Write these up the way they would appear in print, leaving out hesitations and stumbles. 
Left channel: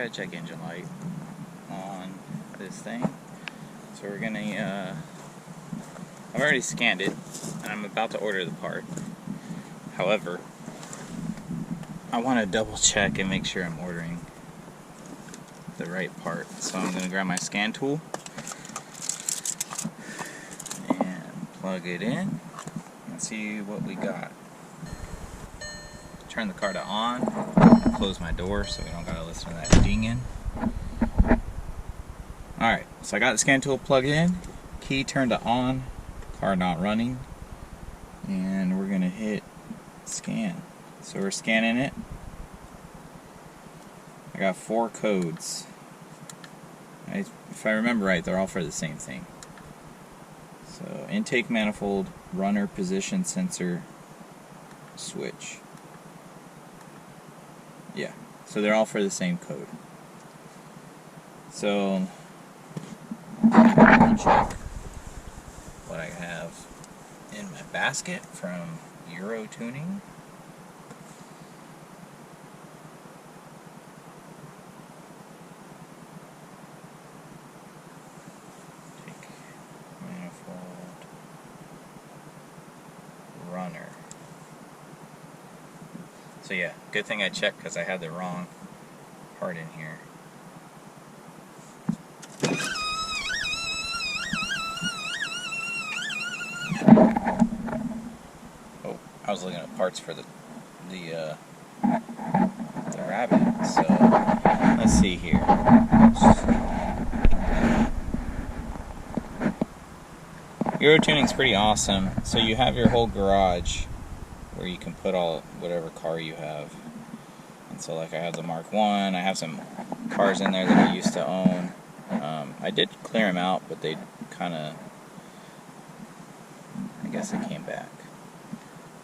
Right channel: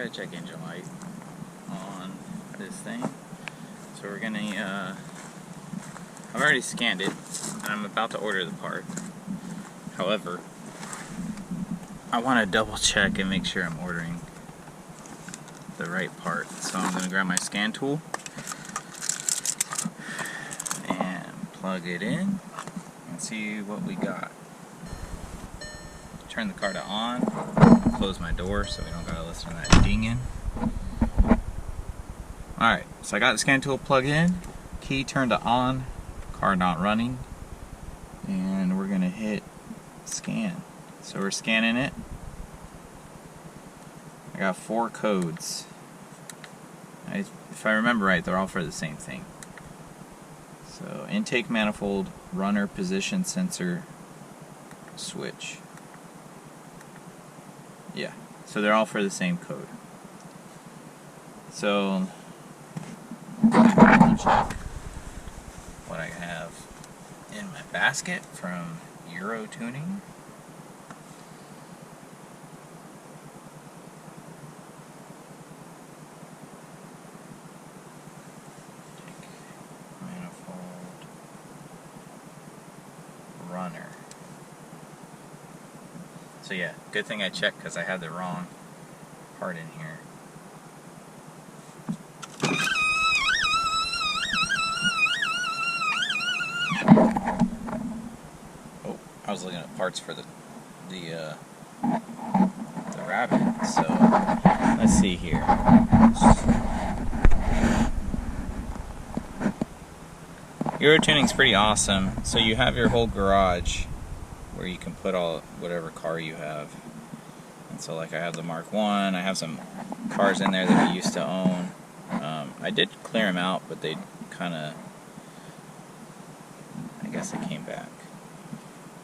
gotta check engine light on this thing. So we're gonna, I've already scanned it, and I'm about to order the part. However, I want to double check and make sure I'm ordering the right part. So I'm gonna grab my scan tool and plug it in and see what we got. Turn the car to on, close my door so we don't gotta listen to that dinging. Alright, so I got the scan tool plugged in, key turned to on, car not running, and we're gonna hit scan. So we're scanning it. I got 4 codes. If I remember right, they're all for the same thing. So intake manifold, runner position sensor, switch. Yeah, so they're all for the same code. So let me double check what I have in my basket from Euro Tuning. Take manifold, runner. So yeah, good thing I checked because I had the wrong part in here. Oh, I was looking at parts for the Rabbit. So let's see here. Euro Tuning's pretty awesome. So you have your whole garage where you can put all whatever car you have. And so like I have the Mark 1, I have some cars in there that I used to own. I did clear them out, but they kind of, I guess they came back.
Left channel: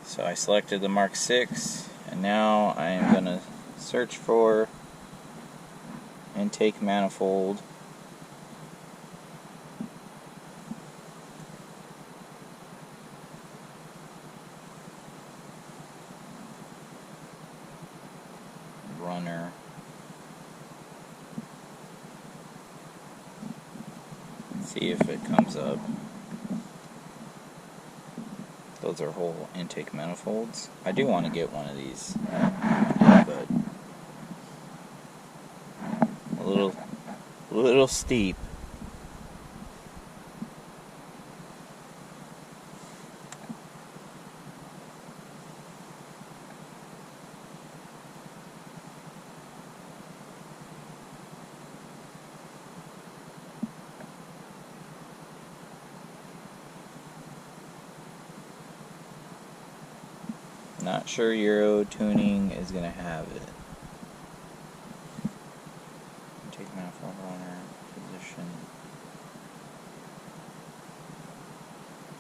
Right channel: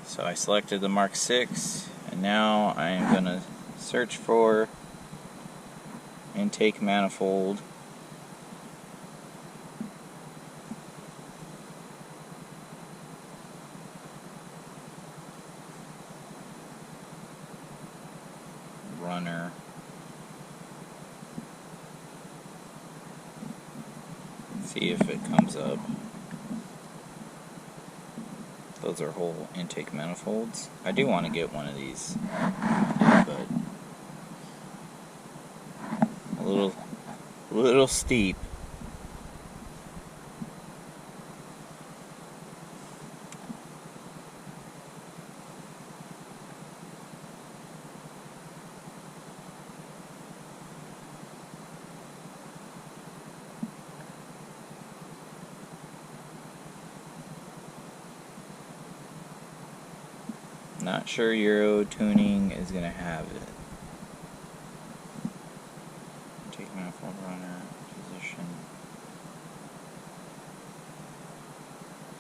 So I selected the Mark 6, and now I am going to search for intake manifold. Runner. See if it comes up. Those are whole intake manifolds. I do want to get one of these one day, but a little steep. Not sure Euro Tuning is going to have it. Take manifold, runner, position.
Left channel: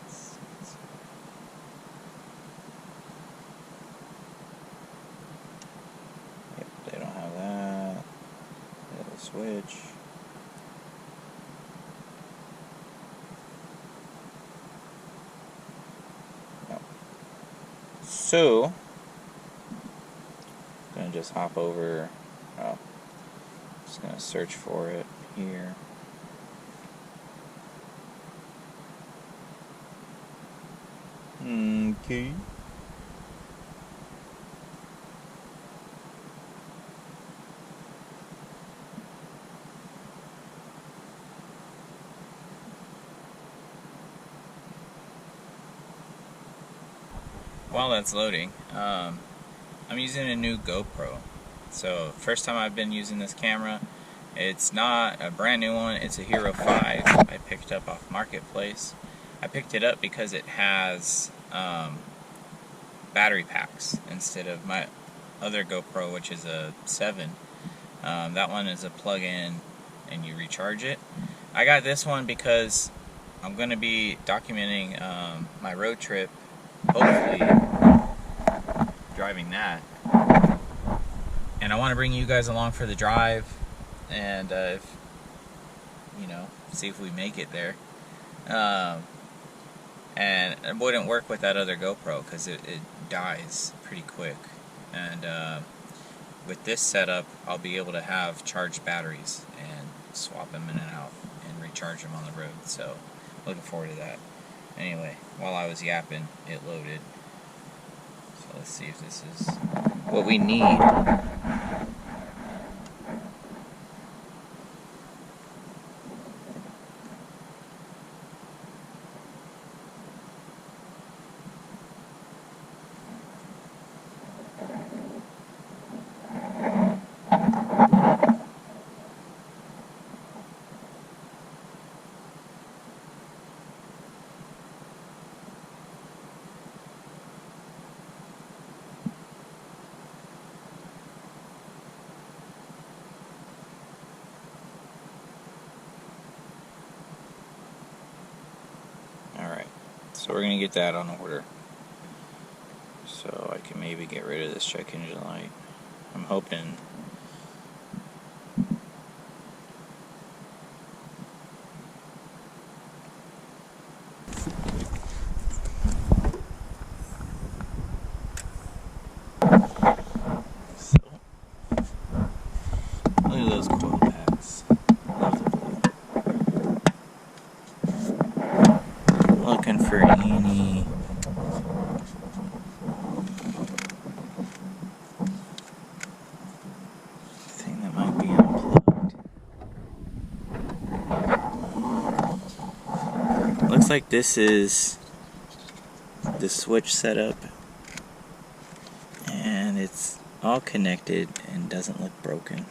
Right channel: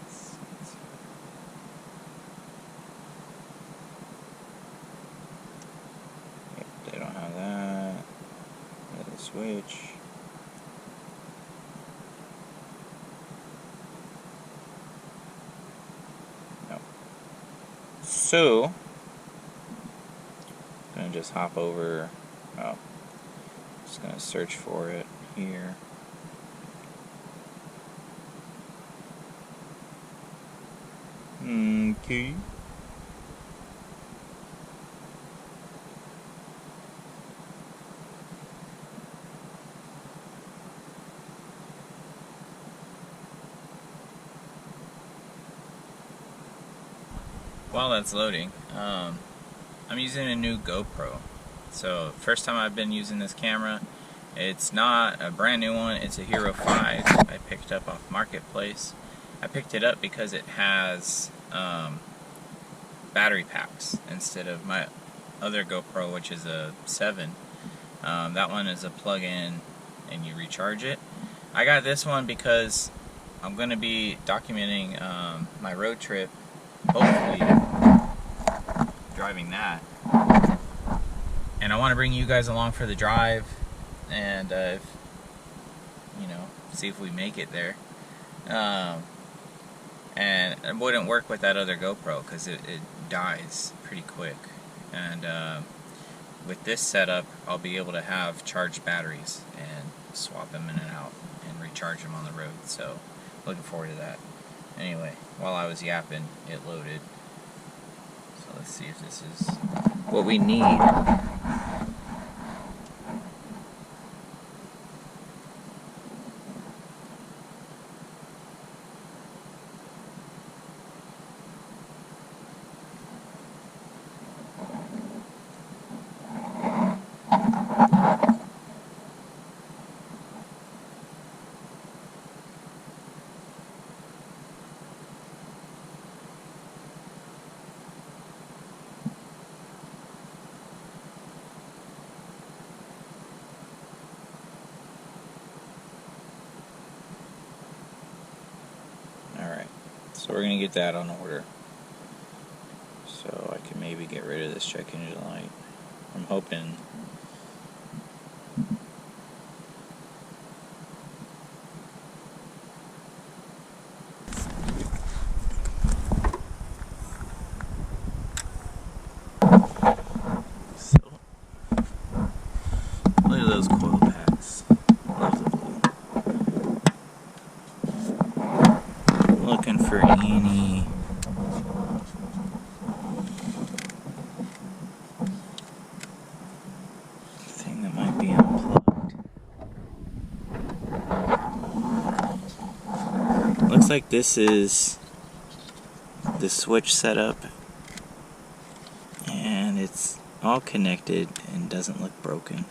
Sensor. Yep, they don't have that. They have a switch. So, I'm going to just hop over, just going to search for it here. Okay. While that's loading, I'm using a new GoPro. So first time I've been using this camera. It's not a brand new one, it's a Hero 5 I picked up off Marketplace. I picked it up because it has battery packs instead of my other GoPro, which is a 7. That one is a plug-in and you recharge it. I got this one because I'm going to be documenting my road trip, hopefully driving that, and I want to bring you guys along for the drive, and if, you know, see if we make it there. And it wouldn't work with that other GoPro because it dies pretty quick, and with this setup, I'll be able to have charged batteries and swap them in and out and recharge them on the road. So, looking forward to that. Anyway, while I was yapping, it loaded. So let's see if this is what we need. Alright, so we're going to get that on order. So I can maybe get rid of this check engine light. I'm hoping. So, look at those coil packs. Love the blue. Looking for any thing that might be unplugged. Looks like this is the switch setup, and it's all connected and doesn't look broken.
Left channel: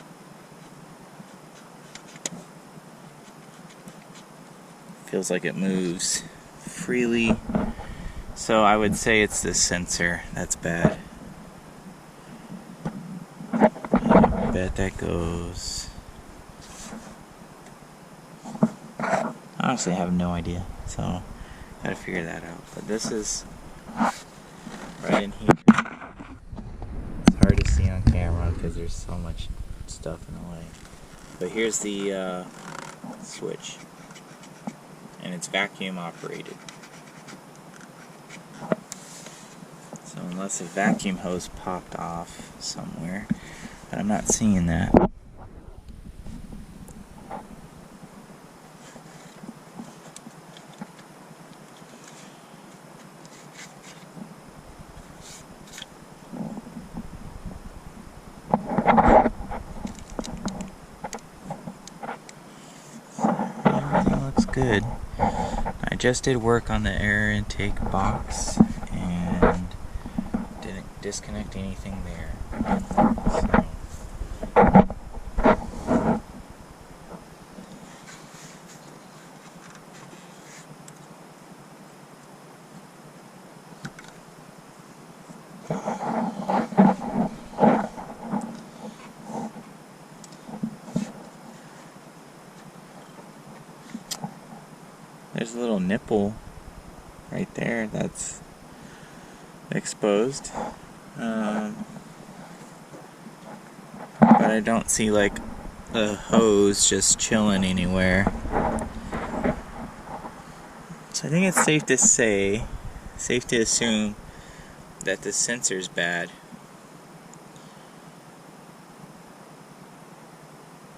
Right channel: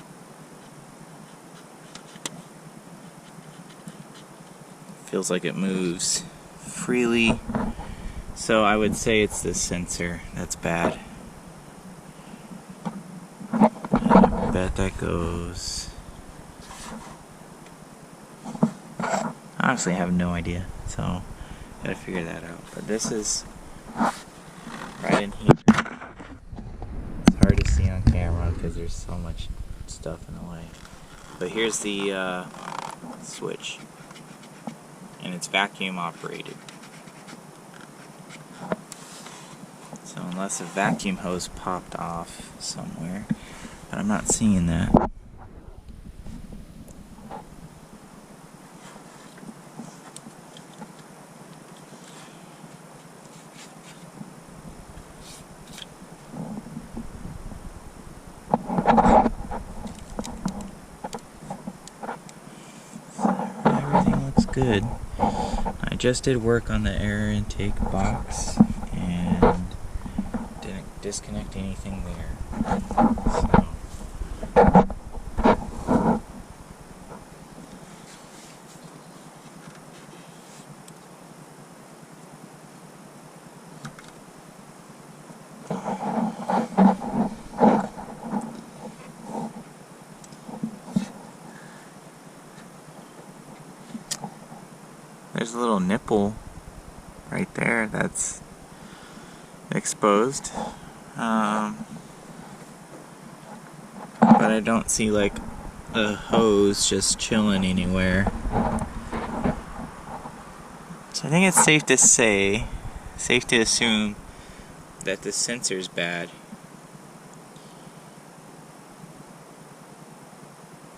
Feels like it moves freely, so I would say it's this sensor that's bad. And I bet that goes. I honestly have no idea, so gotta figure that out. But this is right in here. It's hard to see on camera because there's so much stuff in the way. But here's the switch, and it's vacuum operated. So unless a vacuum hose popped off somewhere, but I'm not seeing that. So everything looks good. I just did work on the air intake box and didn't disconnect anything there. So there's a little nipple right there that's exposed, but I don't see like a hose just chilling anywhere. So I think it's safe to assume that the sensor's bad.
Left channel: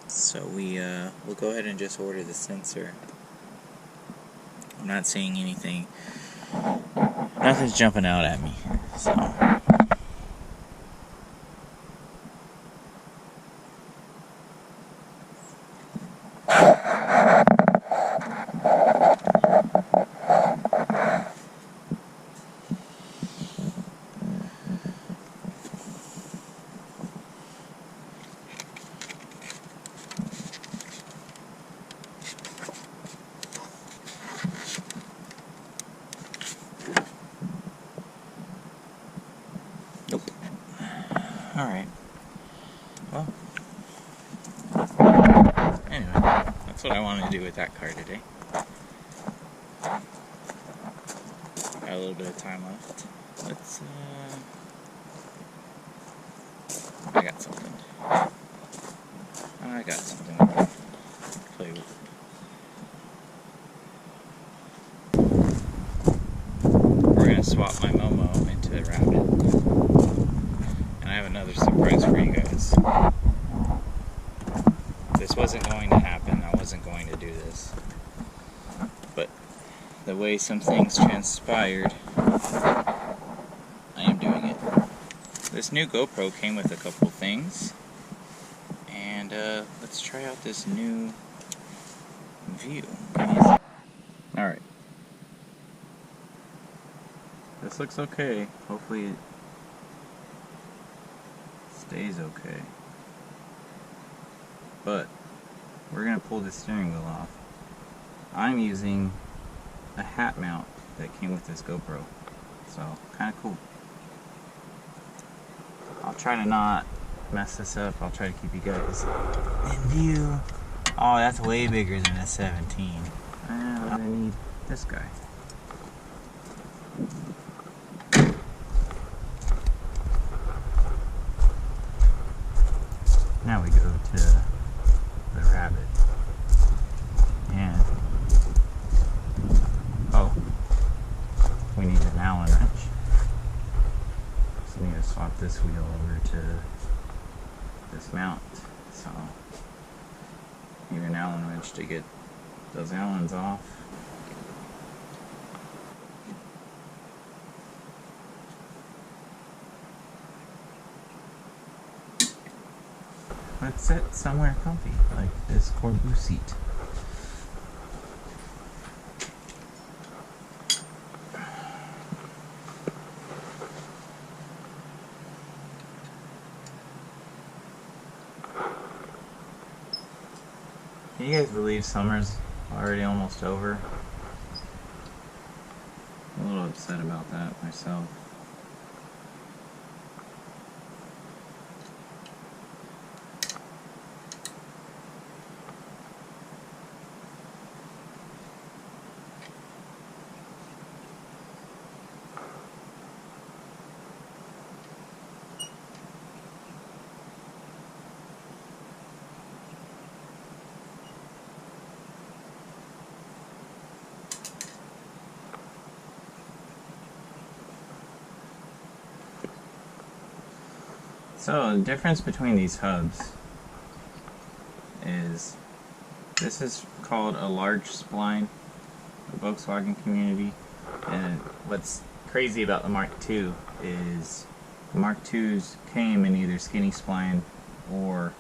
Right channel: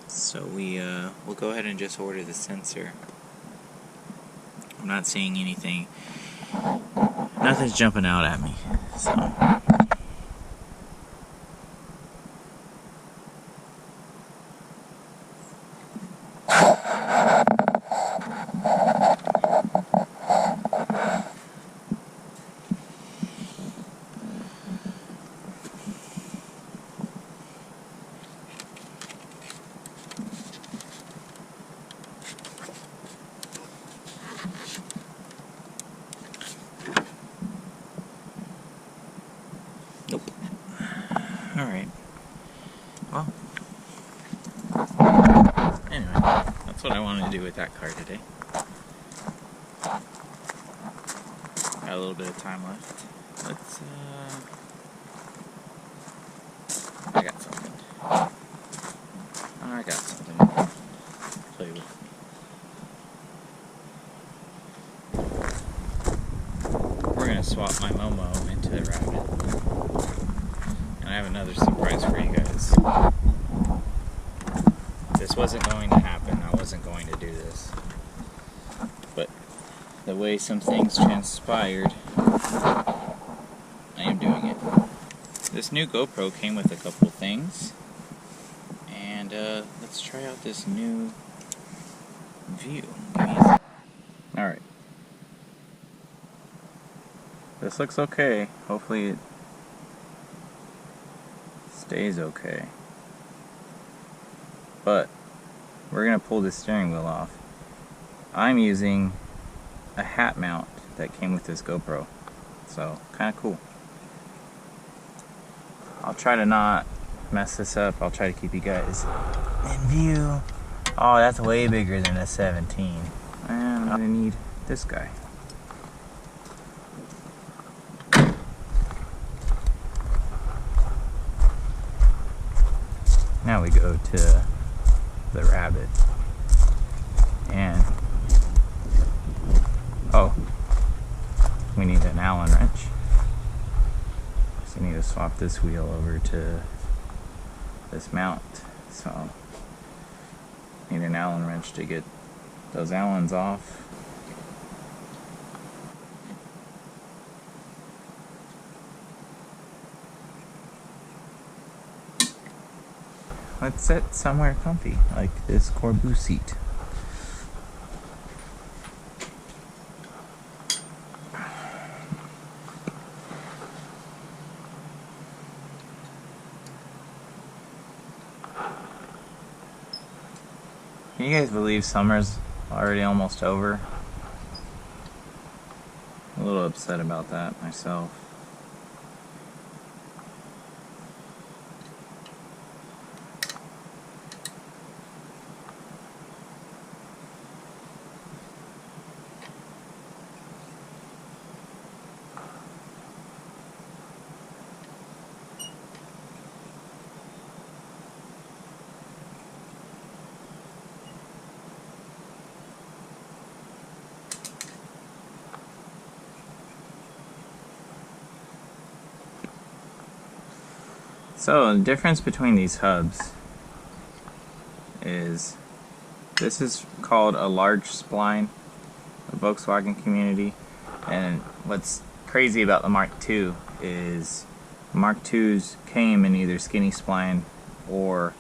So we'll go ahead and just order the sensor. I'm not seeing anything. Nothing's jumping out at me, so. Nope. Alright. Well. Anyway, that's what I wanted to do with that car today. Got a little bit of time left. Let's, I got something we can play with. We're gonna swap my Momo into the Rabbit. And I have another surprise for you guys. This wasn't going to happen. I wasn't going to do this. But the way some things transpired, I am doing it. This new GoPro came with a couple things. And let's try out this new view. Give me a second. Alright. This looks okay. Hopefully it stays okay. But we're going to pull the steering wheel off. I'm using a hat mount that came with this GoPro. So, kind of cool. I'll try to not mess this up. I'll try to keep you guys in view. Oh, that's way bigger than a 17. And I'm going to need this guy. Now we go to the Rabbit. And oh, we need an Allen wrench. So I need to swap this wheel over to this mount. So need an Allen wrench to get those Allens off. Let's sit somewhere comfy, like this Corbu seat. Can you guys believe summer's already almost over? I'm a little upset about that myself. So the difference between these hubs is this is called a large spline, the Volkswagen community, and what's crazy about the Mark II is Mark IIs came in either skinny spline or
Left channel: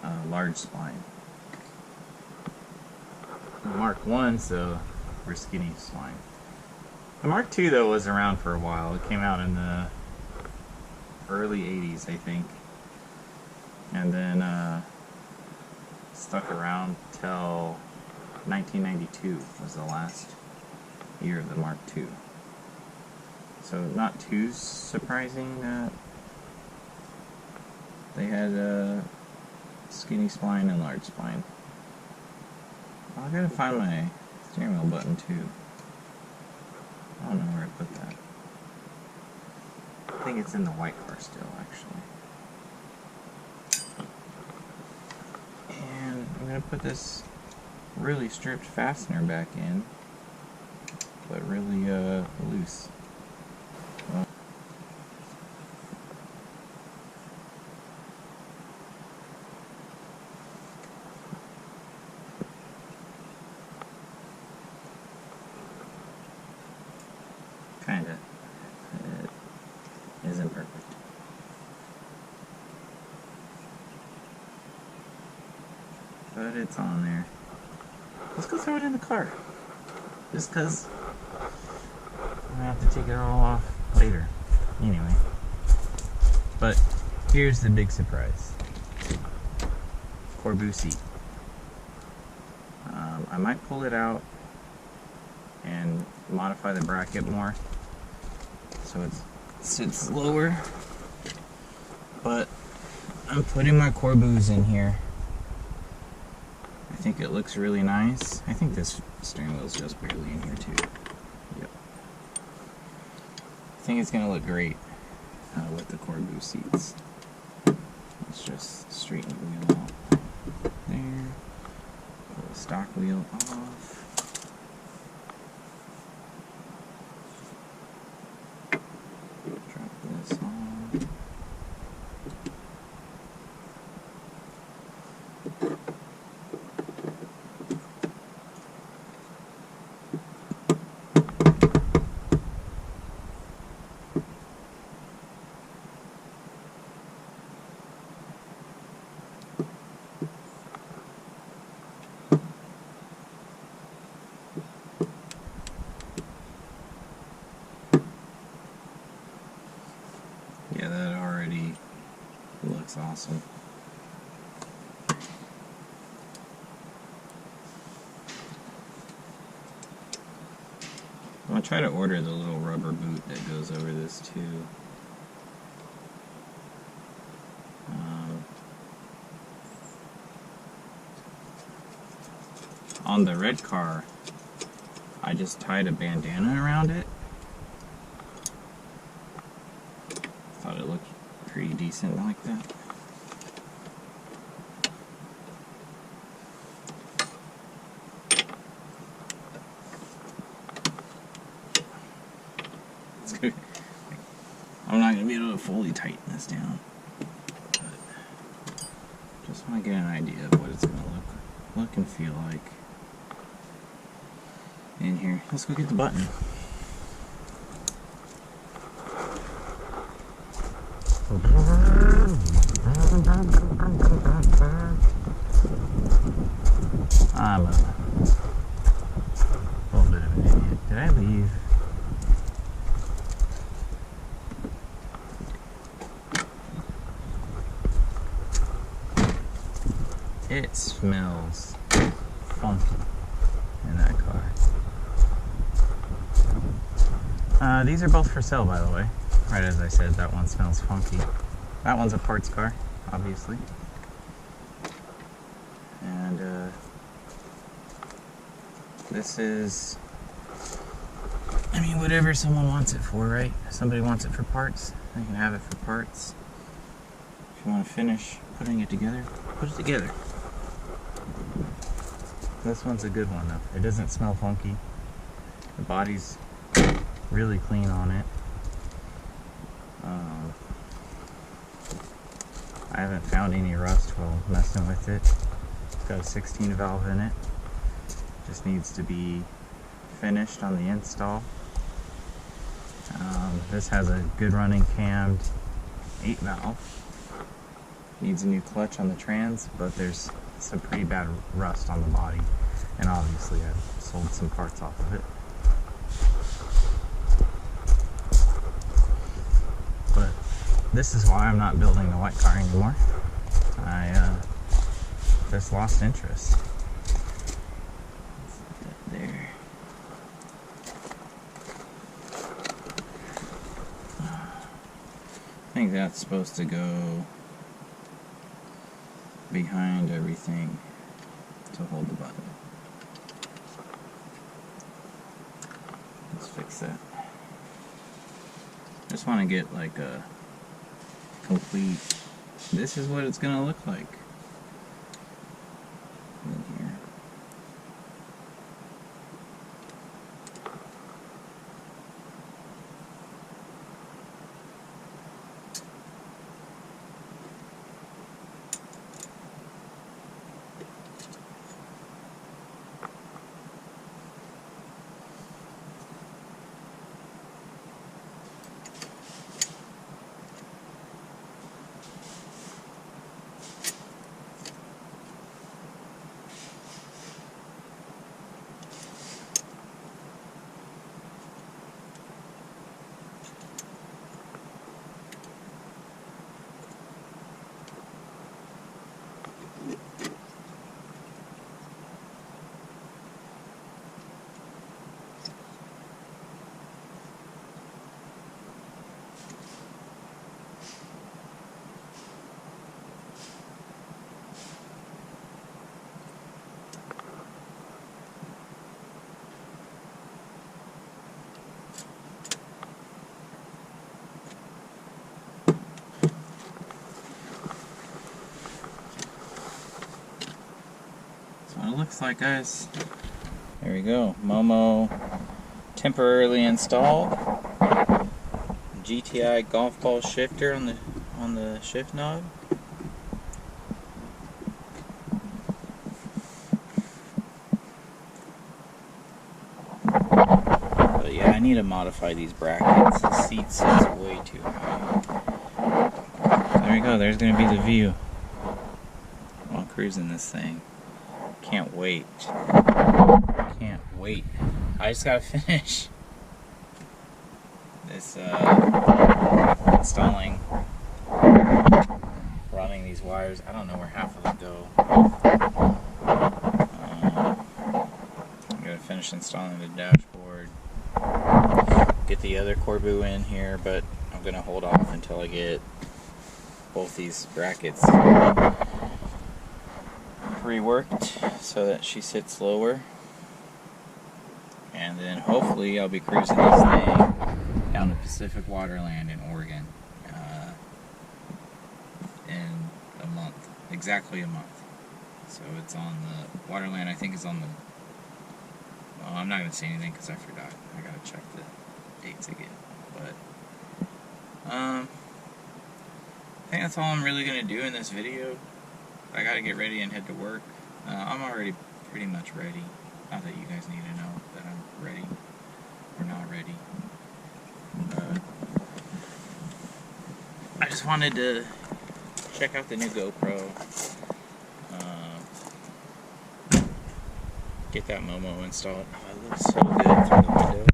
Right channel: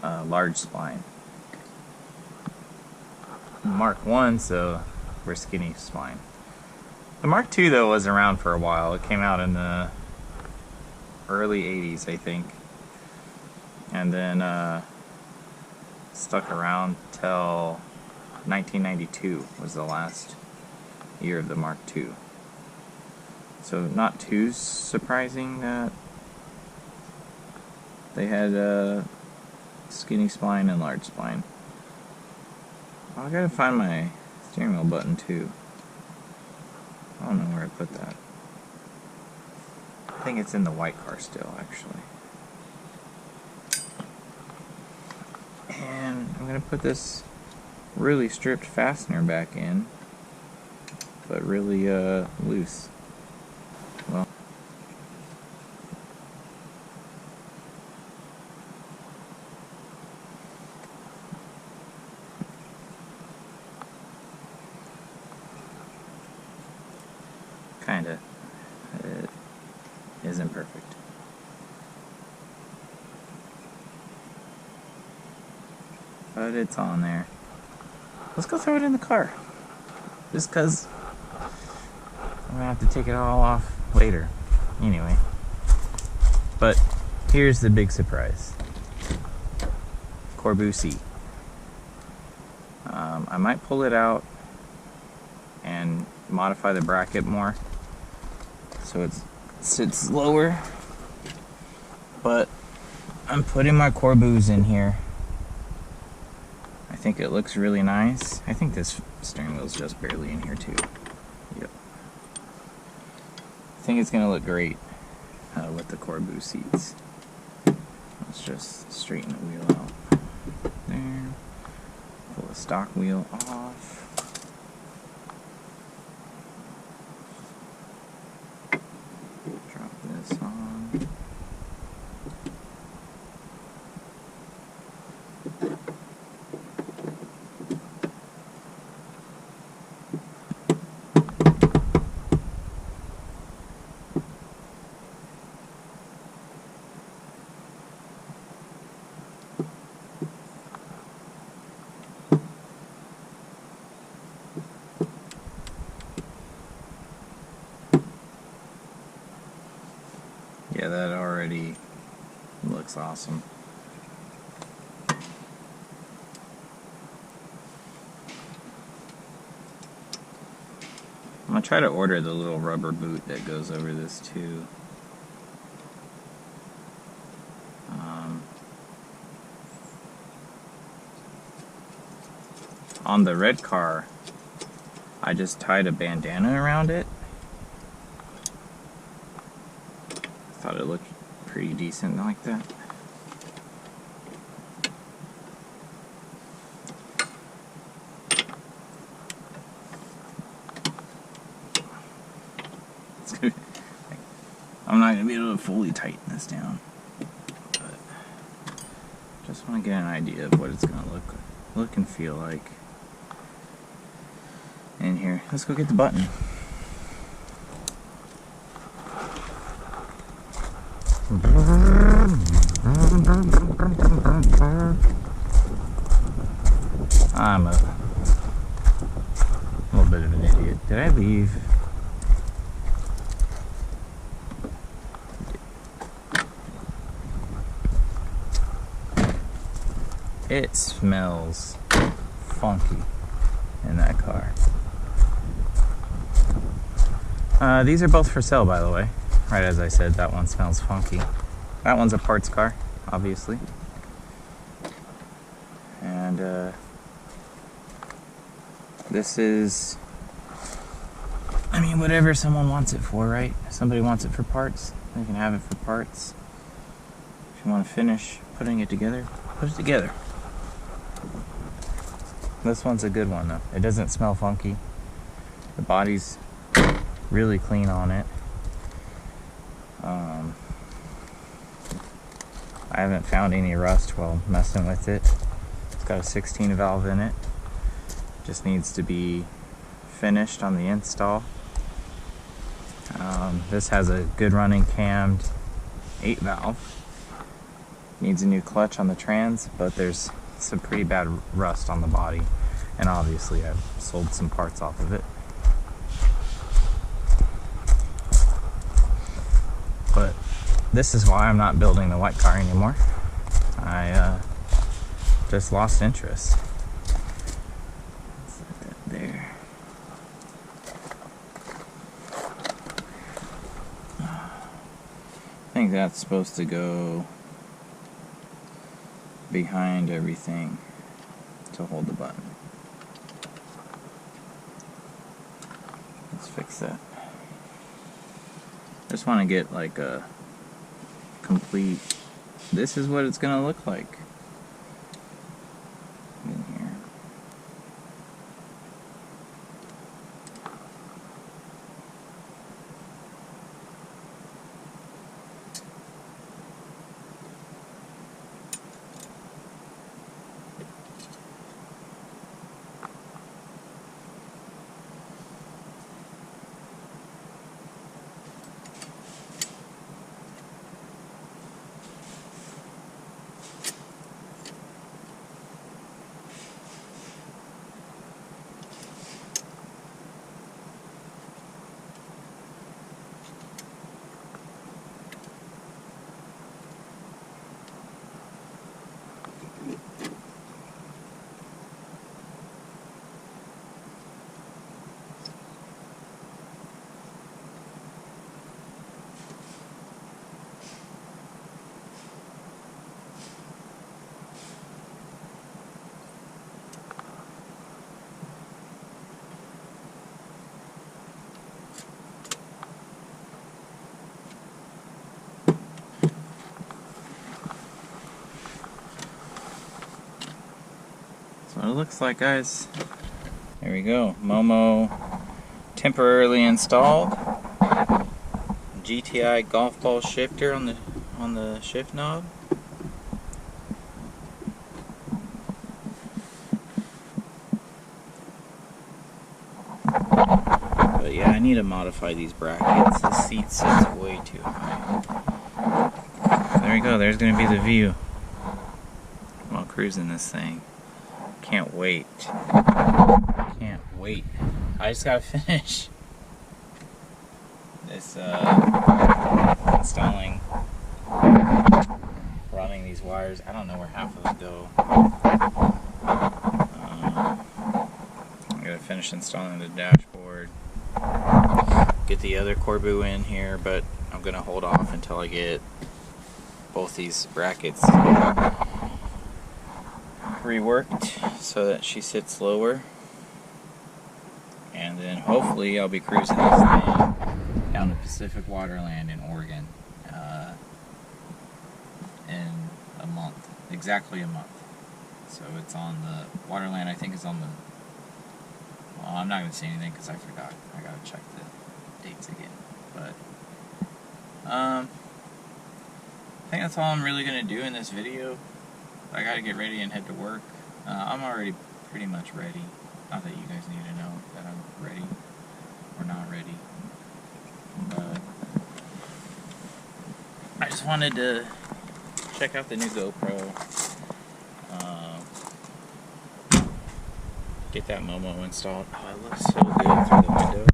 large spline. Mark I's though were skinny spline. The Mark II though was around for a while. It came out in the early 80s, I think, and then stuck around till 1992 was the last year of the Mark II. So not too surprising that they had skinny spline and large spline. Oh, I gotta find my steering wheel button too. I don't know where I put that. I think it's in the white car still, actually. And I'm going to put this really stripped fastener back in, but really loose. Well, kinda. It isn't perfect. But it's on there. Let's go throw it in the car. Just because I'm going to have to take it all off later. Anyway. But here's the big surprise. Corbu seat. I might pull it out and modify the bracket more so it sits lower. But I'm putting my Corbus in here. I think it looks really nice. I think this steering wheel's just barely in here too. Yep. I think it's gonna look great with the Corbu seats. Let's just straighten the wheel out. There. Pull the stock wheel off. Drop this on. looks awesome. I'm gonna try to order the little rubber boot that goes over this too. On the red car, I just tied a bandana around it. Thought it looked pretty decent like that. I'm not going to be able to fully tighten this down, but just want to get an idea of what it's going to look and feel like in here. Let's go get the button. I'm a little bit of an idiot. Did I leave? It smells funky in that car. These are both for sale, by the way. Right as I said, that one smells funky. That one's a parts car, obviously. And this is, I mean, whatever someone wants it for, right? If somebody wants it for parts, they can have it for parts. If you want to finish putting it together, put it together. This one's a good one though. It doesn't smell funky. The body's really clean on it. I haven't found any rust while messing with it. It's got a 16 valve in it. Just needs to be finished on the install. This has a good running cammed 8 valve. Needs a new clutch on the trans, but there's some pretty bad rust on the body, and obviously I've sold some parts off of it. But this is why I'm not building the white car anymore. I just lost interest. Let's put that there. I think that's supposed to go behind everything to hold the button. Let's fix that. Just want to get like a complete, this is what it's gonna look like in here. What it looks like, guys. There we go. Momo temporarily installed. GTI golf ball shifter on the shift knob. But yeah, I need to modify these brackets. The seat sits way too high. There we go. There's going to be the view while cruising this thing. Can't wait. Can't wait. I just gotta finish this installing run these wires. I don't know where half of them go. I'm going to finish installing the dashboard. Get the other Corbu in here, but I'm going to hold off until I get both these brackets reworked so that she sits lower. And then hopefully I'll be cruising this thing down to Pacific Waterland in Oregon in a month, exactly a month. So it's on the Waterland, I think is on the, well, I'm not going to say anything because I forgot. I got to check the dates again. But I think that's all I'm really going to do in this video. I got to get ready and head to work. I'm already pretty much ready. Not that you guys need to know that I'm ready or not ready. But I just wanted to check out the new GoPro. Get that Momo installed. Oh, it looks so good through the window.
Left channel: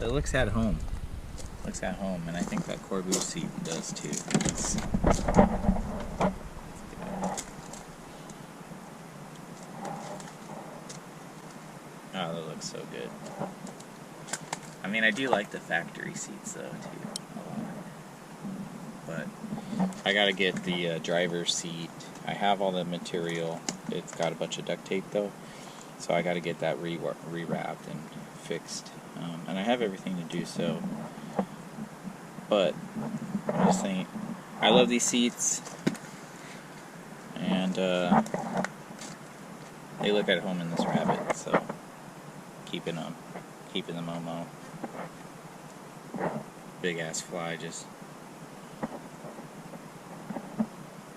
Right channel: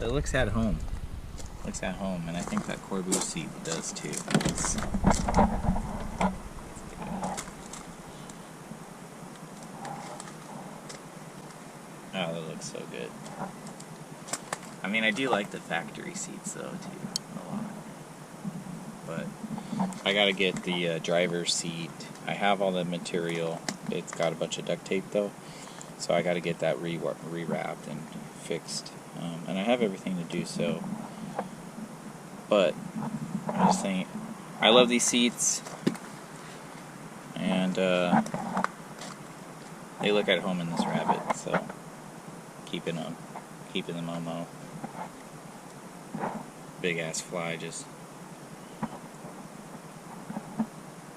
It looks at home. Looks at home, and I think that Corbu seat does too. Let's get it. Oh, that looks so good. I mean, I do like the factory seats though too, a lot. But I gotta get the driver's seat. I have all the material. It's got a bunch of duct tape though, so I gotta get that rewrapped and fixed. And I have everything to do so. But I'm just saying, I love these seats, and they look at home in this Rabbit. So keeping the Momo. Big ass fly just.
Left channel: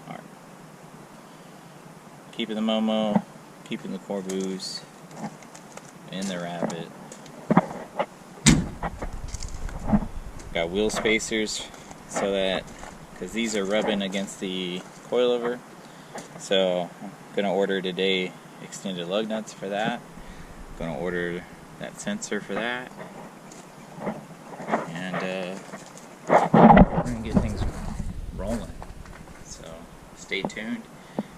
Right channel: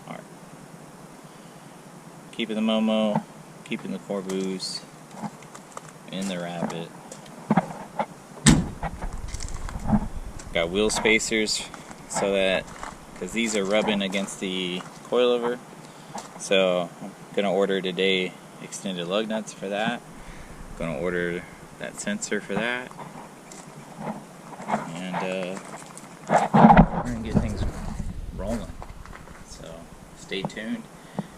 Alright. Keeping the Momo, keeping the Corbus in the Rabbit. Got wheel spacers so that, because these are rubbing against the coilover, so I'm gonna order today extended lug nuts for that. Gonna order that sensor for that, and we're gonna get things rolling. So stay tuned.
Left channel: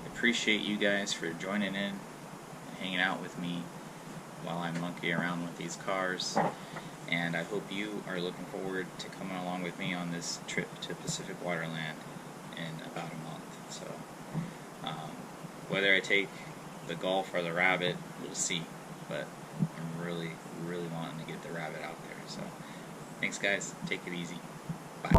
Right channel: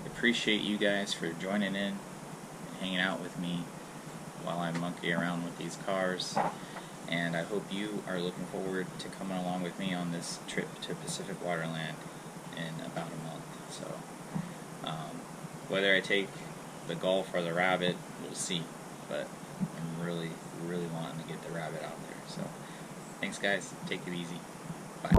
Appreciate you guys for joining in and hanging out with me while I monkey around with these cars. And I hope you are looking forward to coming along with me on this trip to Pacific Waterland in about a month. So whether I take the Golf or the Rabbit, we'll see. But I'm really, really wanting to get the Rabbit out there. So thanks guys. Take it easy. Bye.